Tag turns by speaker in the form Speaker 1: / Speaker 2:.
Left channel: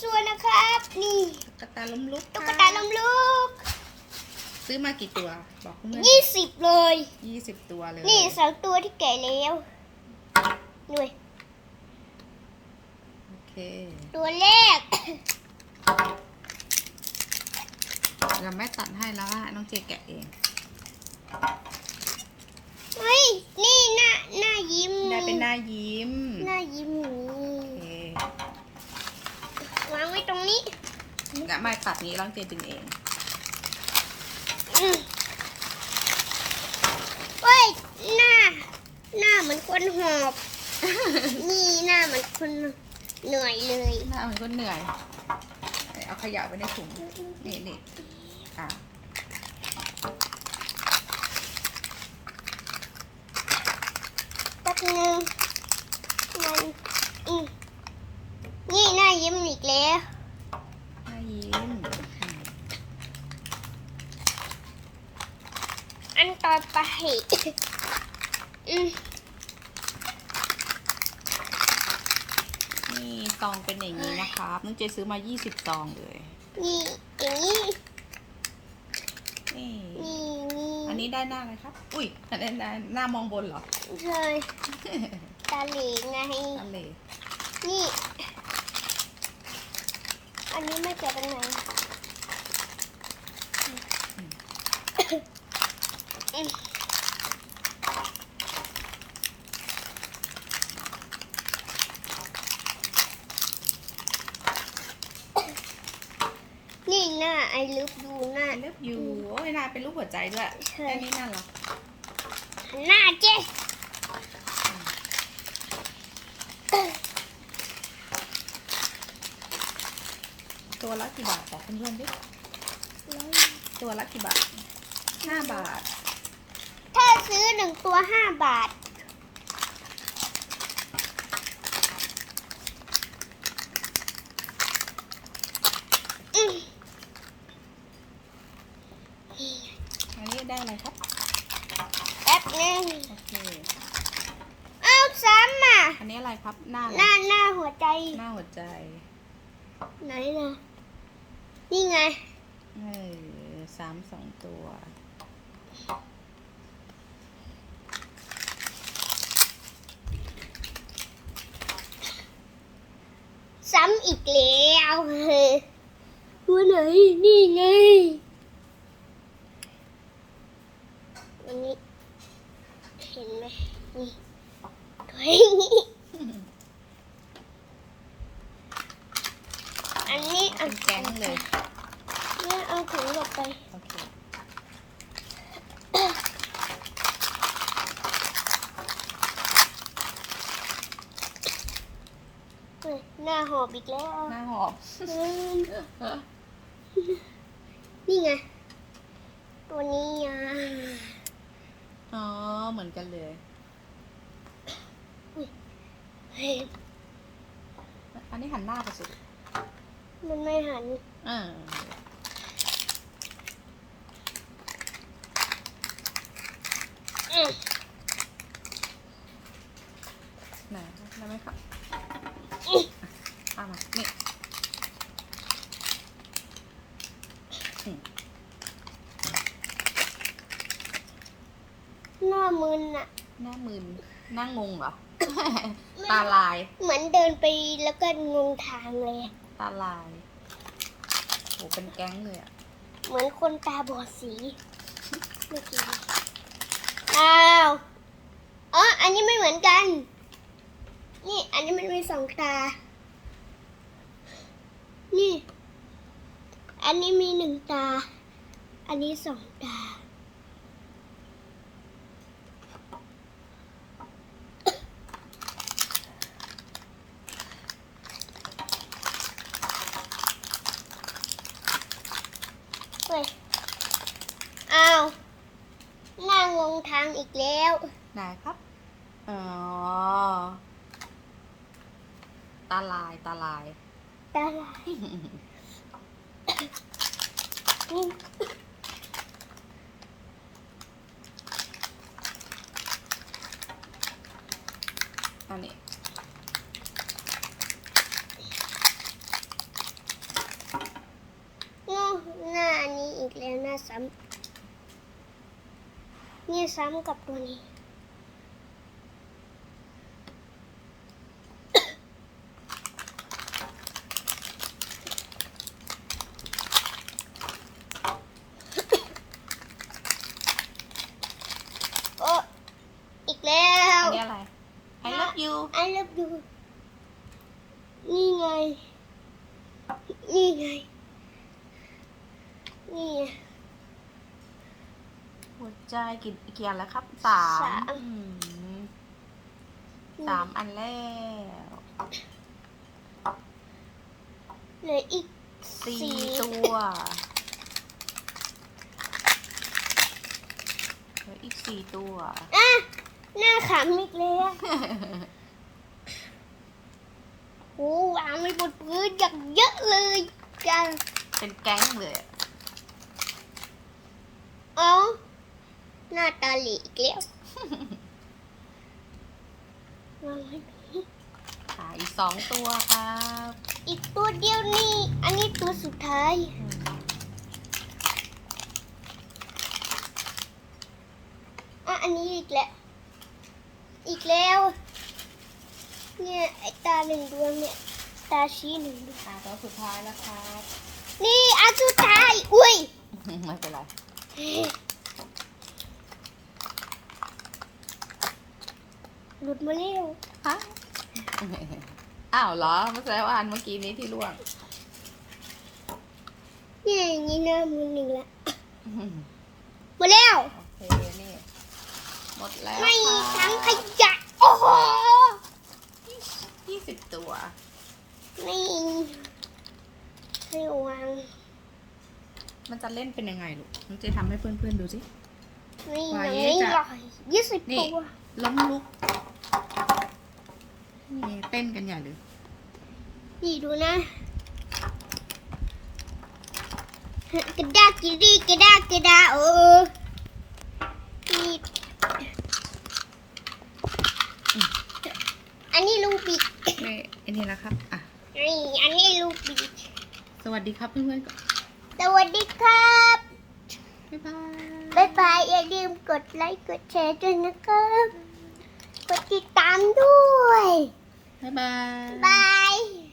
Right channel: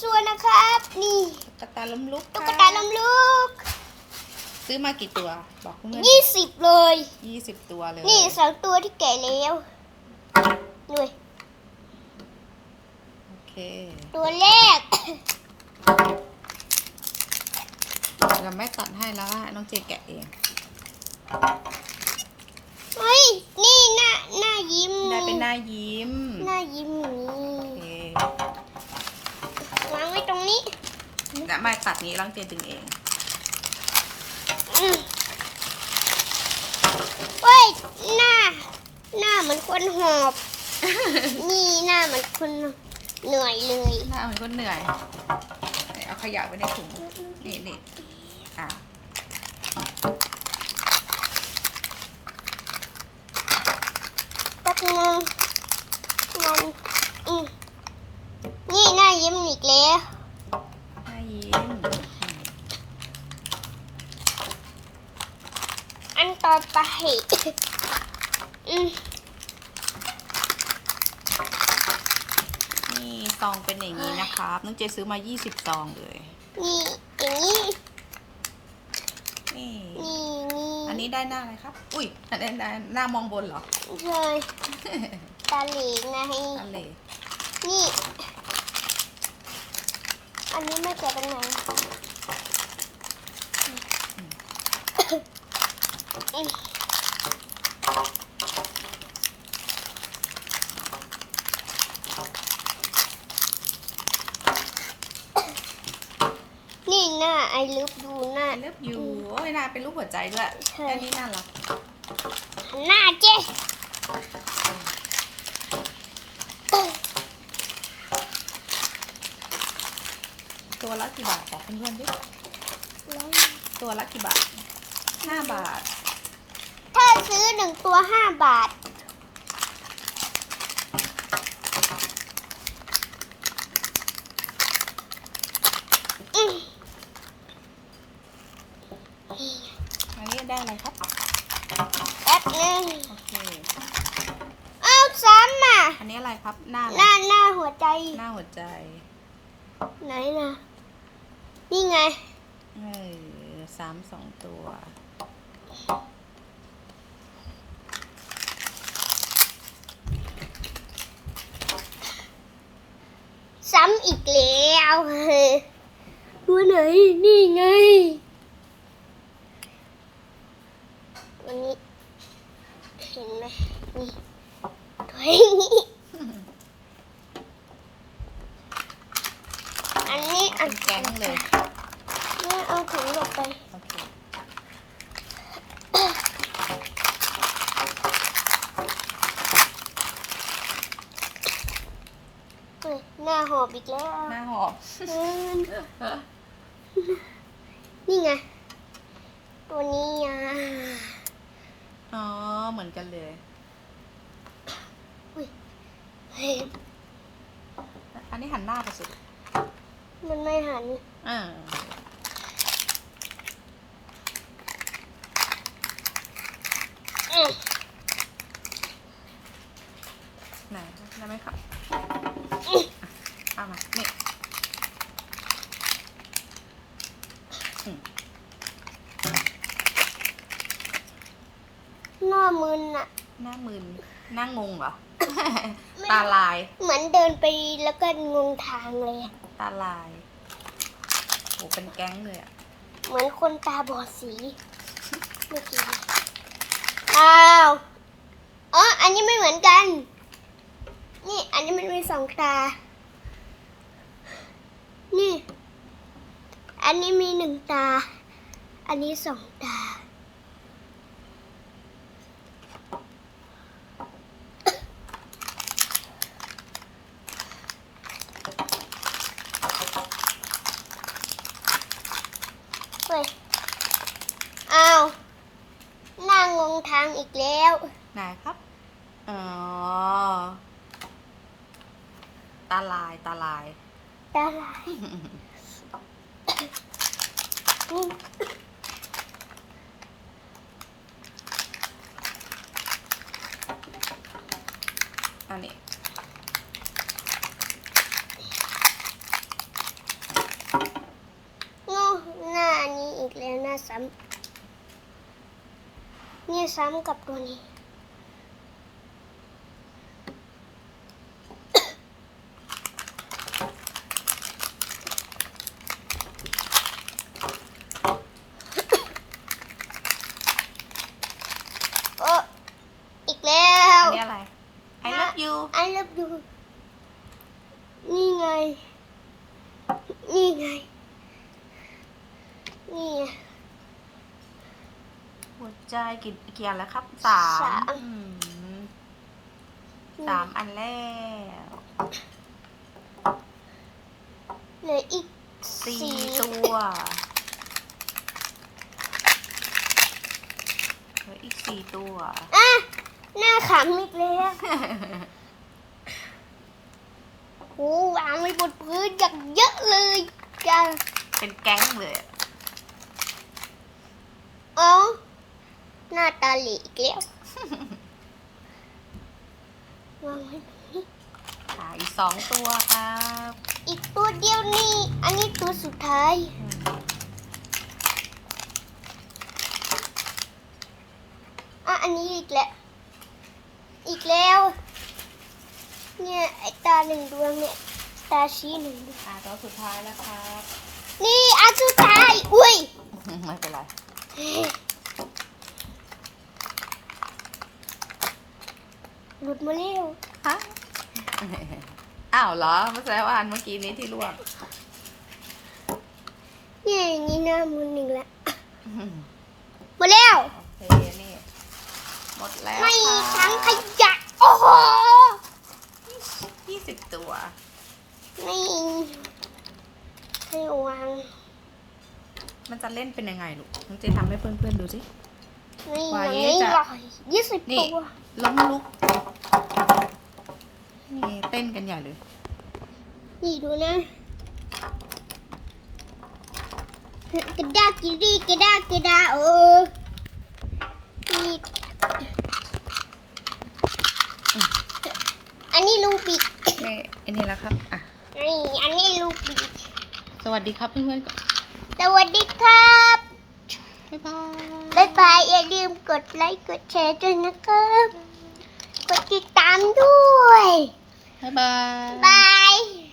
Speaker 1: ส่วนนะครับ นี่
Speaker 2: ตุ๊กตาล้มลุก
Speaker 1: ตุ๊กตาลำลูก
Speaker 2: ซื้อมากี่ตัว บอกเพื่อน
Speaker 1: ยี่สิบเลย
Speaker 2: ยี่สิบตัวเลย
Speaker 1: นี่สองตัวที่แก่แล้วด้วย
Speaker 2: โอเค
Speaker 1: ตัวแรก
Speaker 2: เราไม่ตัดให้แล้วอะน้องเจแกะเอง
Speaker 1: เฮ้ยนี่หน้าหน้ายิ้ม
Speaker 2: ได้เป็นหน้ายิ้ม
Speaker 1: หน้ายิ้มนี่
Speaker 2: โอเควา
Speaker 1: งไว้ตรงนี้
Speaker 2: แล้ว ไม่ตัดนี้น้องเจดึงเอง
Speaker 1: อืมเฮ้ยหน้า หน้าเหมือนคนหอบ นี่หน้าเหมือนคนเหนื่อยเลย
Speaker 2: หน้าเหมือนคนเหนื่อยเอาขยะไว้ในถุงนี่นี่อะ
Speaker 1: แป๊บนึงมันอืมนี่หน้ายิ้มอีกแล้ว
Speaker 2: หน้ายิ้ม
Speaker 1: อันต่อไป อืม
Speaker 2: นี่ซองเป็นอย่างนี้นะครับน้องเจซื้อมา 20 ซองเลย
Speaker 1: นี่อย่างนี้
Speaker 2: นี่
Speaker 1: นี่นี่
Speaker 2: อันนี้ได้หน้าอะไรครับ อุ้ยอันนี้ได้หน้ามองบนเหรอ
Speaker 1: เลยตาเหลงไง
Speaker 2: อันเลย
Speaker 1: นี่ อันนี้ไม่เกิดตรงไหนอืมนี่ หน้าไอลึกดูหน้า
Speaker 2: I love you โอ้ยหน้าเป็นรูปหัวใจด้วย
Speaker 1: ใช่
Speaker 2: แค่นี้น่ารัก
Speaker 1: หน้าเจ๊
Speaker 2: ตัวละกี่บาทบอกเพื่อนๆดิตัวละกี่บาทห้าบาท
Speaker 1: ถ้าซื้อหนึ่งตัวห้าบาท อืม
Speaker 2: อันนี้ได้อะไรครับ
Speaker 1: แป๊บนึง
Speaker 2: โอเค
Speaker 1: เอาซ้ำอะ
Speaker 2: อันนี้อะไรครับ หน้าอะไร
Speaker 1: หน้าหน้าหัวใจ
Speaker 2: หน้าหัวใจ
Speaker 1: ไหนนะนี่ไง
Speaker 2: เออสามสองตัว
Speaker 1: ซ้ำอีกแล้วเฮ้ยตัวไหน นี่ไง วันนี้ เห็นไหมนี่ตัวนี้อันนี้อั
Speaker 2: เป็นนแก๊งเลย
Speaker 1: นี่เอาถุงหลบไป
Speaker 2: โอเค
Speaker 1: เออหน้าหอบอีกแล้ว
Speaker 2: หน้าหอบ
Speaker 1: เออนี่ไง ตัวนี้อะ
Speaker 2: อ๋อ เหมือนกันเลย
Speaker 1: เฮ้ย
Speaker 2: อั นนี้หันหน้าไปสุด
Speaker 1: มันไม่หัน
Speaker 2: อ่า
Speaker 1: อืม
Speaker 2: ไหนได้ไหมครับเอามา นี่อืม
Speaker 1: หน้ามึนอะ
Speaker 2: หน้ามึนห น้างงเหรอ ตาลาย
Speaker 1: เหมือนเดินไปแล้วก็งงทางเลยอะ
Speaker 2: ตาลายโหเป็นแก๊งเลยอะ
Speaker 1: เหมือนคนตาบอดสีเมื่อกี้อ้าวอ๋ออันนี้ไม่เหมือนกัน นี่ อันนี้มันมีสองตา นี่ อันนี้มีหนึ่งตา อันนี้สองตา เฮ้ย อ้าวหน้างงทางอีกแล้ว
Speaker 2: ไหนครับ อ๋อ ตาลาย ตาลาย
Speaker 1: ตาลายนี่
Speaker 2: อันนี้
Speaker 1: หน้าอันนี้อีกแล้วหน้าซ้ำเนี่ยซ้ำกับตัวนี้ โอ้อีกแล้ว
Speaker 2: อันนี้อะไร I love you
Speaker 1: I love you นี่ไง นี่ไง นี่ไง
Speaker 2: หัวใจกี่กี่อันแล้วครับสาม
Speaker 1: สาม
Speaker 2: อืมสามอันแล้ว
Speaker 1: เหลืออีก
Speaker 2: สี่
Speaker 1: สี่
Speaker 2: ตัวเหลืออีกสี่ตัว
Speaker 1: อะหน้าขำอีกแล้ว โอ้วางไว้บนพื้นอย่างเยอะเลยจ้า
Speaker 2: เป็นแก๊งเลยอะ
Speaker 1: อ๋อ หน้าตาหลีอีกแล้ววางไว้แบบนี้
Speaker 2: ค่ะอีกสองตัวครับ
Speaker 1: อีกตัวเดียวนี่ อันนี้ตัวสุดท้าย
Speaker 2: อืม
Speaker 1: อะ อันนี้อีกแล้ว อีกแล้ว เนี่ยไอตาหนึ่งดวงเนี่ย ตาชี้หนึ่งดวง
Speaker 2: อ่าตัวสุดท้ายแล้วครับ
Speaker 1: นี่อันสุดท้าย อุ้ย
Speaker 2: ไม่เป็นไร
Speaker 1: หลุดมาแล้ว
Speaker 2: ฮะอ้าวเหรอไม่ใช่ว่าอันเมื่อกี้นี้ที่ลวก
Speaker 1: เนี่ยอย่างนี้หน้ามือหนึ่งละหมดแล้ว
Speaker 2: โอเคนี่หมดแล้ว
Speaker 1: ไม่มี
Speaker 2: ค่ะ
Speaker 1: ทั้งขยะโอ้โห
Speaker 2: ยี่สิบตัว
Speaker 1: ไม่ให้วาง
Speaker 2: มันจะเล่นเป็นยังไงลูกนี่จะทำให้เพื่อนๆดูสิ
Speaker 1: ไม่
Speaker 2: ไว้
Speaker 1: อย่างนี้
Speaker 2: จะ
Speaker 1: หรอกยี่สิบ
Speaker 2: นี่
Speaker 1: ตัว
Speaker 2: ล้มลุก นี่เต้นกันใหญ่เลย
Speaker 1: นี่ดูนะกระดากกระดีกระดากกระดาเออนี่อันนี้ลูกบิด
Speaker 2: นี่อันนี้แล้วครับอะ
Speaker 1: นี่อันนี้ลูกบิด
Speaker 2: สวัสดีครับเพื่อนๆก่อน
Speaker 1: สวัสดีครับ
Speaker 2: บ๊ายบาย
Speaker 1: บ๊ายบายอย่าลืมกดไลค์กดแชร์ด้วยนะครับ กดติดตามด้วย
Speaker 2: บ๊ายบาย
Speaker 1: บาย